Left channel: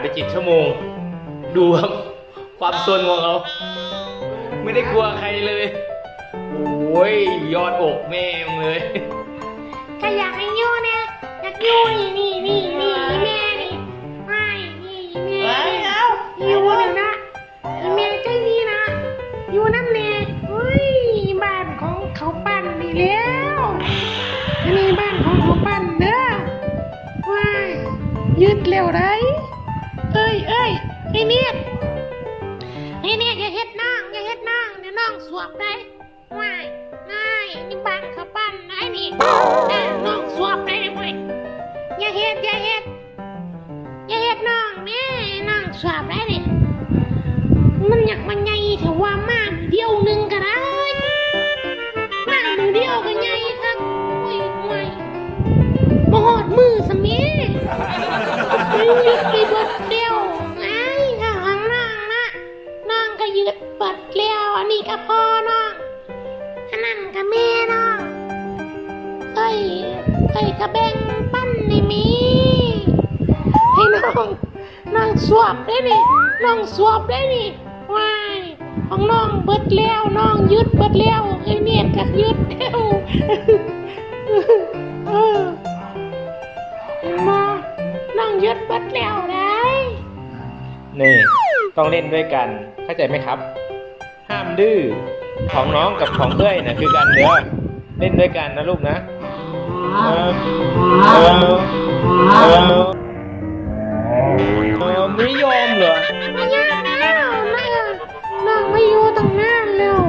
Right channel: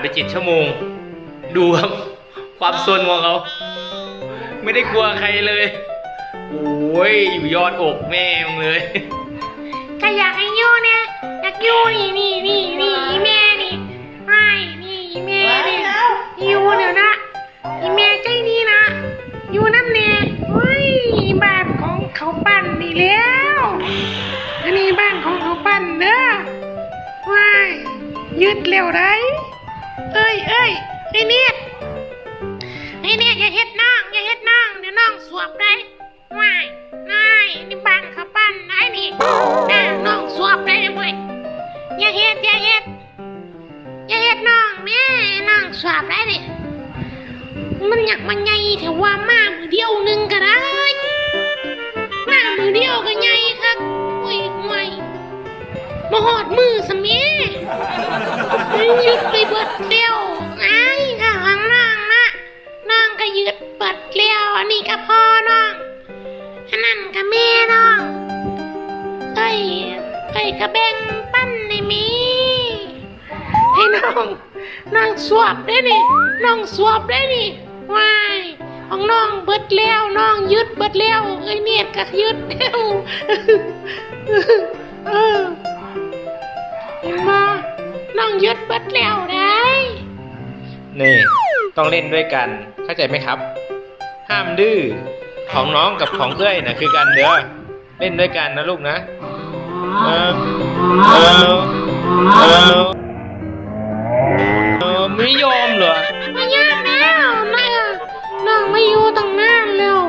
ไปเจ็ดชั่วโมง ดูครับความซนของเขาไม่ได้กลัวใครเลยโอ้ยอยู่ยอดอกแม่มึงเลยก็อยากให้อยู่เนี่ยอยากอยู่นี่นี่นี่นี่อีแม่นี่ไม่นี่อีแม่นี่อยู่เดี๋ยวนะอีแม่ใจดีนะอยู่น้ำเน่เฮ้ยบ้านของเขาปั้นนี่แล้วอันนี้บ้านของเขาปั้นเด้อว้ายยึดเร็วได้ เอ้ยเอ้ยไอ้เนี่ยไอ้เนี่ยอย่าเฮ็ดน้องอย่าเฮ็ดน้องเดี๋ยวน้องสวบได้ว้ายนายนี่บ้านเขาปั้นนายนี่น่น้องสวบได้เว้ยอย่าเฮ็ดอย่าเฮ็ดอย่าเฮ็ดน้องแม่น้องสวบได้นี่มันอยากมันใหญ่แต่ว่ามามือเดียวหนึงก็ได้นั่งมือเดียวก็ใหญ่ครับโอ้ยห่วยมาหอดมือสมียึดไปเบิดเดียว เบิดเดียวอันนี้ก็พ่อน้องอันนั้นก็แม่น้องเอ้ยเอ้ยก็แบ่งปั้นในมีให้น้องน้องสวบได้นี่น้องสวบได้นี่วายของน้องเบิดแล้วน้องยึดเบิดแล้วเอ้ยเนี่ยก็ยึดแล้วเออเห็นบ่น้องยึดเบิดแล้วได้นี่ ต้องเล่นด้วยกัน เข้าใจไหมครับ ห้ามดื้อของน้องกับของเอ้ยนะคือกันเด้อเล่นด้วยกันนะลูกนะเออเออเออไม่ยอมเหรอไม่ยากแล้วนะน้องไม่อยู่ตั้งนานแล้ว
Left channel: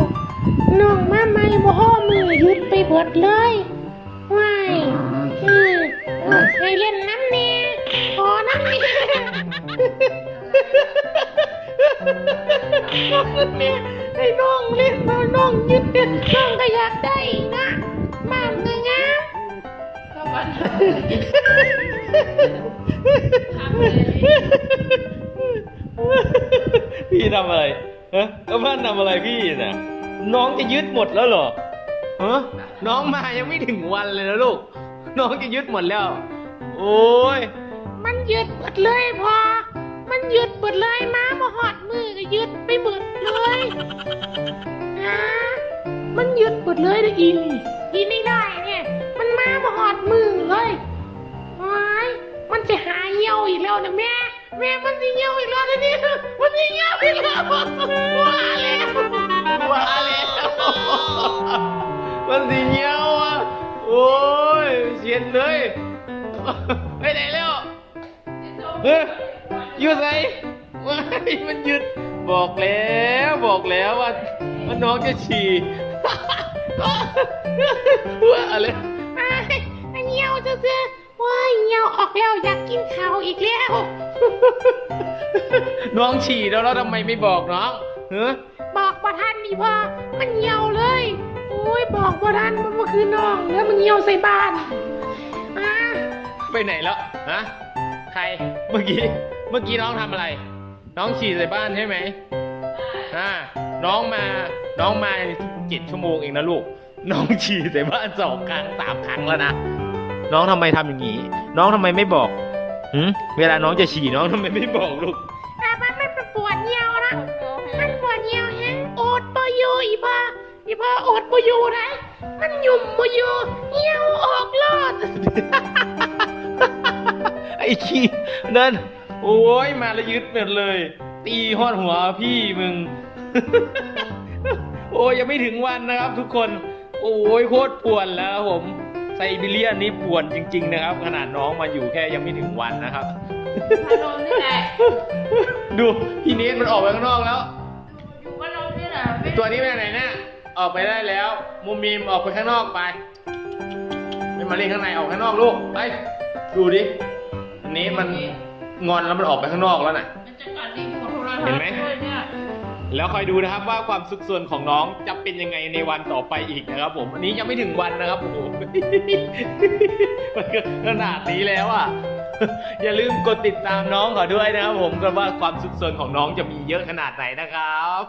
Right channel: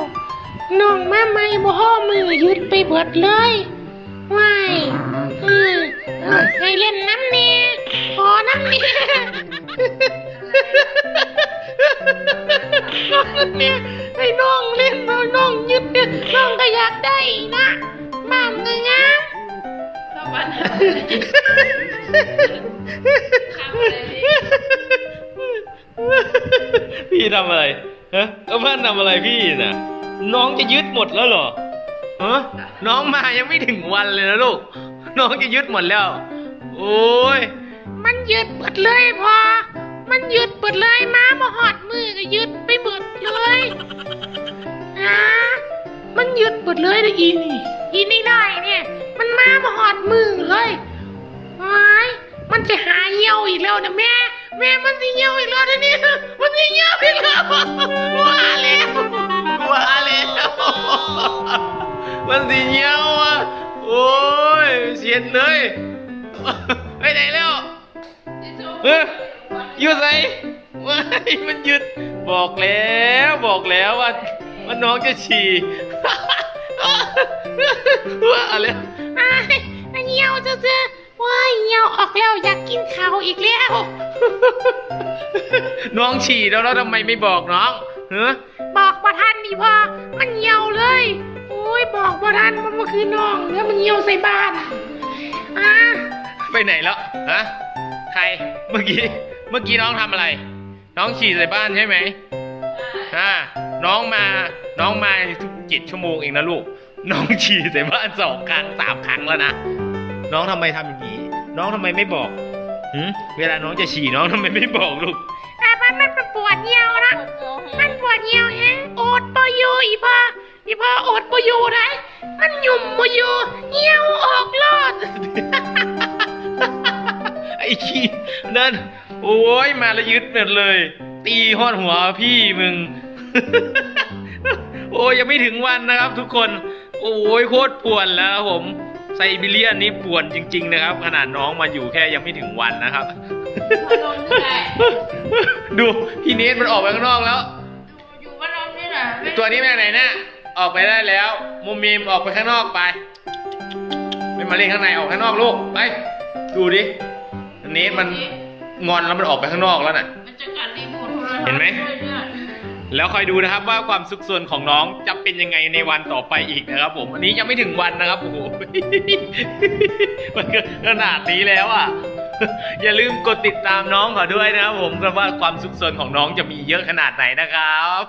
น้องมาไม่บ่ห้อมือยึดไปเบิดเลยว้ายเออเออให้เล่นน้ำเนี่ยขอน้ำเนี่ย น้องเนี่ยให้น้องเล่นแล้วน้องยึดเนี่ยน้องก็อยากได้นะบ้านก็งามเข้าบ้านหาอะไรข้ามเลยพี่ทำอะไรฮะก็บ้านทำอะไรพี่น่ะ น้องจะยึดหมดแล้วเหรอฮะน้องมายังไม่ถึงวันเลยนะลูก น้องจะยึดหมดแล้ว โอ้ย มันยึดเบิดเลยพอ มันยึดเบิดเลยมามาหอดมือก็ยึดไปเบิดเลยฮะมันยึดเบิดเลยนะอีนี่อีนี่ได้เนี่ย มันมามาหอดมือเลยว้ายมันจะหาเหี่ยวอีกแล้วนะแม่แม่มันสิเหี่ยวอีกแล้วนะเนี่ยมันสิเหี่ยวอีกแล้วว่าแล้วว่าแล้วมันสีเงี้ยวอะโอ้ยเสียดเลยไปไหนแล้วเฮ้ย อยู่ไหนว้ายมันหยุดบอกแล้วบอกแล้วว่าว่าน้องจะฉี่ว่าอะไรไอ้ไอ้เหี่ยวจะเจอว้ายเหี่ยวออกแล้วอยากกินข้าวอีกแล้ว น้องฉี่แล้วแล้วทำไมไม่บอกน้องเฮ้ยบอกบ่ทันดิพ่อมันเหี่ยวเลย โอ้ยบอกบ่ทันมันเมื่อคืนน้องแล้วมันเหี่ยวใส่บ้านอะไปไหนแล้วฮะใครเมื่อกี้ เมื่อกี้น้องทำอะไร น้องฉี่ใส่บ้านใช่ไหมอ่าน้องมาน้องมาเจ็ดชั่วโมงเองนะลูก น้องฉี่ใส่บ้านสองครั้งสามครั้งแล้วนะน้องทำไมทำอย่างนี้ น้องทำไมไม่บอกหืมเวลาน้องจะฉี่น้องทำไมไม่บอกลูกอะมันมันปวดเหี่ยวนะมันปวดเหี่ยวแฮงอดบ่อยู่อีพ่ออีพ่ออดบ่อยู่ได้มันหยุ่มบ่อยู่เหี่ยวออกเลิศไอ้ขี้นั่น โอ้ยมาแล้วยึดหมดเลย ตีหอดหัวพี่มึง โอ้ยยังไม่ถึงวันนะครับทุกคน โอ้ยโคตรป่วนแล้วครับผมไซบีเรียนนี่ป่วนจริง ๆ นะครับ ขนาดน้องมาอยู่แค่ยังไม่ถึงวันนะครับมานอนนี่แหละดูพี่เนทมันออกไปข้างนอกแล้ว อยู่มานอนนี่แหละตัวนี้ไปไหนน่ะออกไปได้แล้วมุมมีมออกไปข้างนอกไปไม่มาเล่นข้างในออกข้างนอกลูกไปดูดิอันนี้มัน งอนแล้วมันออกไปข้างนอกแล้วน่ะ มันจะกัดรีโมทโทรศัพท์เห็นไหมด้วยเนี่ยแล้วคอยดูนะครับว่าความสุขส่วนของน้องจะเป็นยังไงในวันต่อไปอีกนะครับ ผม อันนี้ยังไม่ถึงวันนะครับโอ้โหมันก็ขนาดนี้แล้วอะอย่าลืมกดติดตามน้องเขาด้วยนะครับผมกันว่าความสุขส่วนของน้องจะมีเยอะขนาดไหนนะครับ